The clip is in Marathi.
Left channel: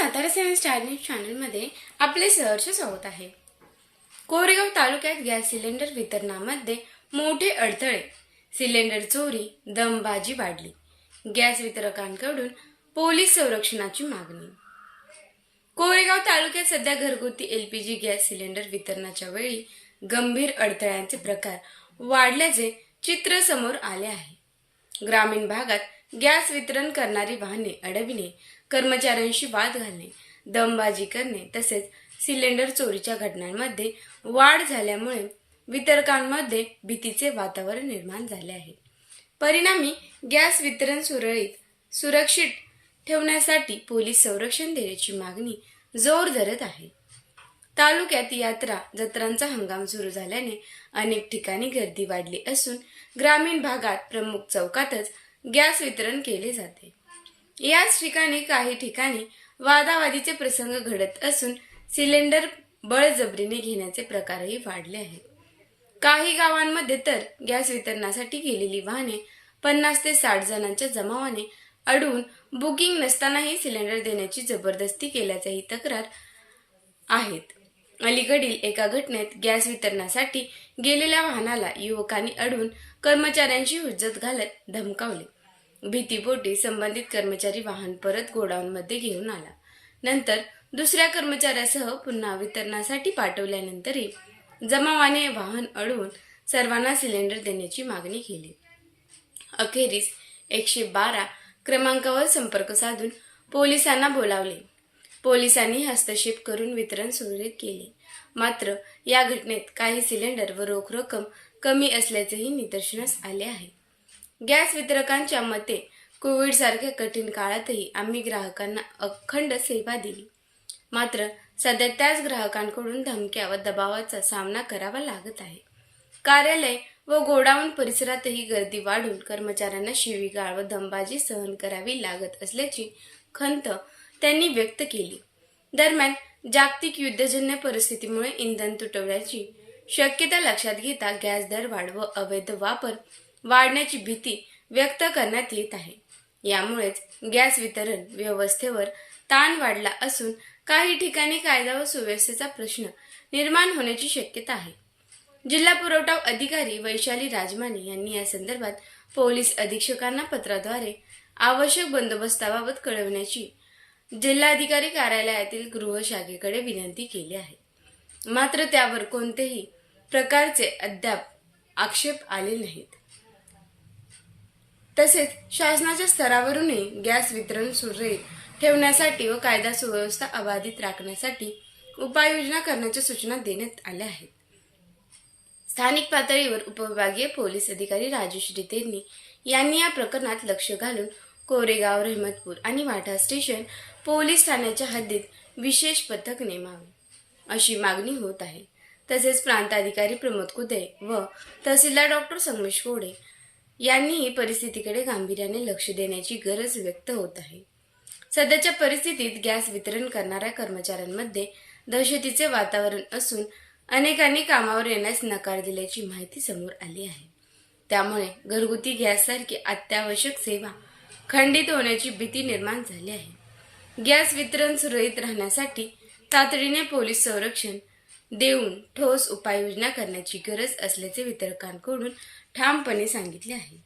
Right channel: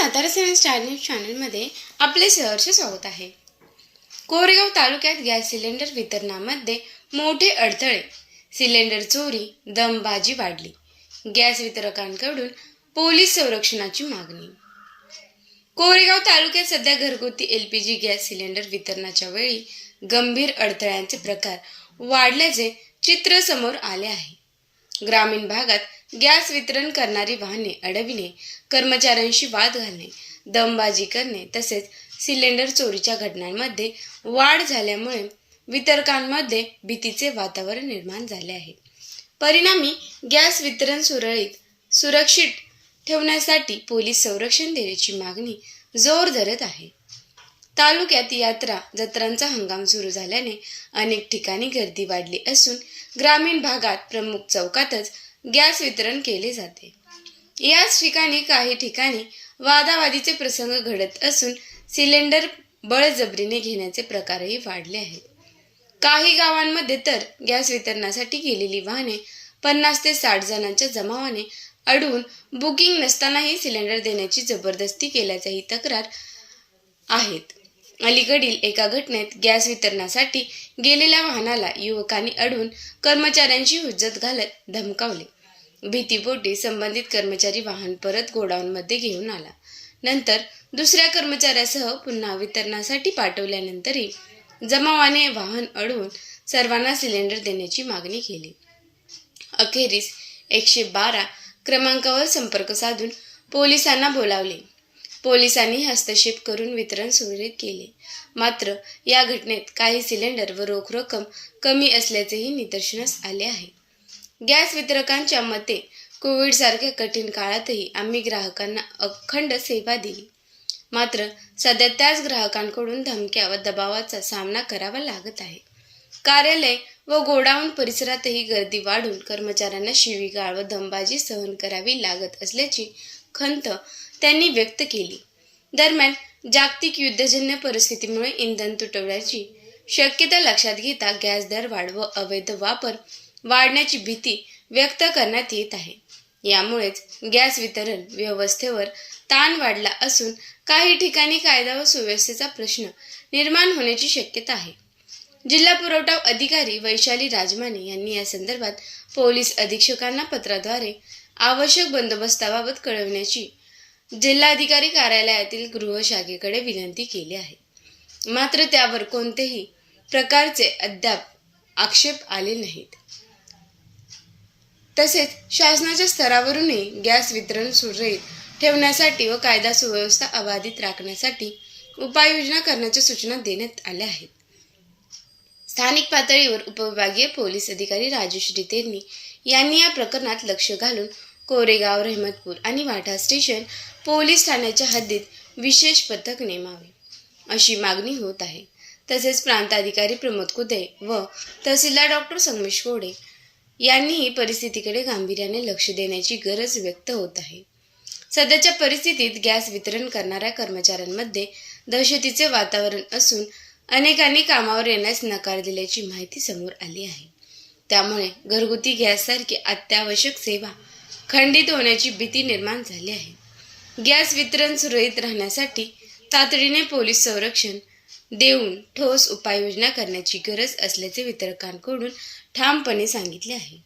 सातारा सेवन स्टार न्यूज चॅनलमध्ये आपले सहर्ष स्वागत आहे। कोरेगाव तालुक्यात गॅस सिलेंडर वितरणामध्ये मोठे अडथळे, सिलेंडर चोरी, दमबाजी वाढली। गॅस वितरकांकडून पोलीस संरक्षणाची मागणी। कोरेगाव तालुक्यात सध्या घरगुती एलपीजी गॅस सिलेंडर वितरणाच्या वेळी गंभीर अडथळ्यांचे प्रकार वाढल्याचे चित्र समोर आले आहे। ग्रामीण भागात गॅस वितरण करणारी वाहने अडविणे, कर्मचाऱ्यांशी वाद घालणे, दमबाजी करणे तसेच सिलेंडर चोरीच्या घटनांमध्ये वाढ झाल्यामुळे वितरकांमध्ये भीतीचे वातावरण निर्माण झाले आहे। परिणामी गॅस वितरण सुरक्षित ठेवण्यासाठी पोलीस संरक्षण देण्याची मागणी जोर धरत आहे। तालुक्यात यात्रा जत्रांचा हंगाम सुरू झाल्याने अनेक ठिकाणी गर्दी वाढली असून ग्रामीण भागात प्रमुख चौकातच गॅस वितरण केले जाते। याच ठिकाणी काही ठिकाणी वादावादीचे प्रसंग घडत असून सिलेंडर बळजबरीने घेण्याचे प्रकारही वाढले आहेत। काही गावांमध्ये तर गॅस वितरणासाठी गेलेली वाहने 50 ते 60 जणांच्या जमावाने अडवून बुकिंग नसतानाही सिलेंडर देण्याची जबरदस्ती केल्याच्याही तक्रार आहेत। अलीकडील एका घटनेत गॅस वितरणासाठी गेलेल्या वाहनाला युवकांनी अडवून कर्मचाऱ्यांची हुज्जत घालत धमकावले। भीतीपोटी संबंधित कर्मचारी वाहन परत गोडाऊनमध्ये घेऊन आला। नंतर दुसऱ्या कर्मचाऱ्यासह पुन्हा वितरणासाठी पाठवल्यानंतरही जमावाने वाहन अडवून सर्वांना सिलेंडर देण्याची मागणी केली। अखेरीस 112 क्रमांकावर संपर्क साधून पोलिसांना बोलावले। पोलिसांनी हस्तक्षेप करून वितरण सुरळीत केले। मात्र या घटनेत काही सिलेंडर व रोख रक्कम कमी असल्याचेही निदर्शनास आले आहे। गॅस वितरकांच्या मते कोविडसारख्या कठीण काळातही आम्ही ग्राहकांना अखंड सेवा दिली। मात्र सध्या त्याच ग्राहकांकडून धमक्या व दबावाचा सामना करावा लागत आहे। कार्यालय व गोडाऊन परिसरातही गर्दी वाढून कर्मचाऱ्यांना शिवीगाळ व दमबाजी सहन करावी लागत असल्याची खंत त्यांनी व्यक्त केली। दरम्यान जागतिक युद्धजन्य परिस्थितीमुळे इंधन तुटवड्याची शक्यता लक्षात घेता गॅस दर वाढ व अवैध वापर वाढण्याची भीती व्यक्त करण्यात येत आहे। यामुळेच गॅस वितरण व्यवस्थेवर ताण वाढला असून काही ठिकाणी कायदा व सुव्यवस्थेचा प्रश्न निर्माण होण्याची शक्यता आहे। जिल्हा पुरवठा अधिकारी वैशाली राजमाने यांनी या संदर्भात पोलीस अधीक्षकांना पत्राद्वारे आवश्यक बंदोबस्ताबाबत कळविण्याची जिल्हाधिकारी कार्यालयातील गृह शाखेकडे विनंती केली आहे। मात्र त्यावर कोणतेही प्रकारचे अद्याप आक्षेप आले नाहीत। तसेच शासनाच्या स्तरावरूनही गॅस वितरण सुरळीत ठेवण्यासाठी व कायदा सुव्यवस्था अबाधित राखण्यासाठी उपाययोजना करण्याच्या सूचना देण्यात आल्या आहेत। स्थानिक पातळीवर उपविभागीय पोलीस अधिकारी राजश्री तेरणी यांनी या प्रकरणात लक्ष घालून कोरेगाव, रहमतपूर आणि वाठा स्टेशन पोलीस ठाण्याच्या हद्दीत विशेष पथक नेमावे अशी मागणी होत आहे। तसेच प्रांताधिकारी प्रमोद कुदे व तहसीलदार डॉक्टर संगमेश कोडे यांनीही परिस्थितीकडे गांभीर्याने लक्ष देण्याची गरज व्यक्त होत आहे। सध्याच्या परिस्थितीत गॅस वितरण करणाऱ्या कर्मचाऱ्यांमध्ये दहशतीचे वातावरण असून अनेकांनी कामावर येण्यास नकार दिल्याची माहिती समोर आली आहे। त्यामुळे घरगुती गॅससारखी अत्यावश्यक सेवा खंडित होण्याची भीती निर्माण झाली आहे। गॅस वितरण सुरळीत राहण्यासाठी तातडीने पोलीस संरक्षण देऊन ठोस उपाययोजना करण्याची गरज असल्याचे वितरकांकडून ठामपणे सांगितले आहे।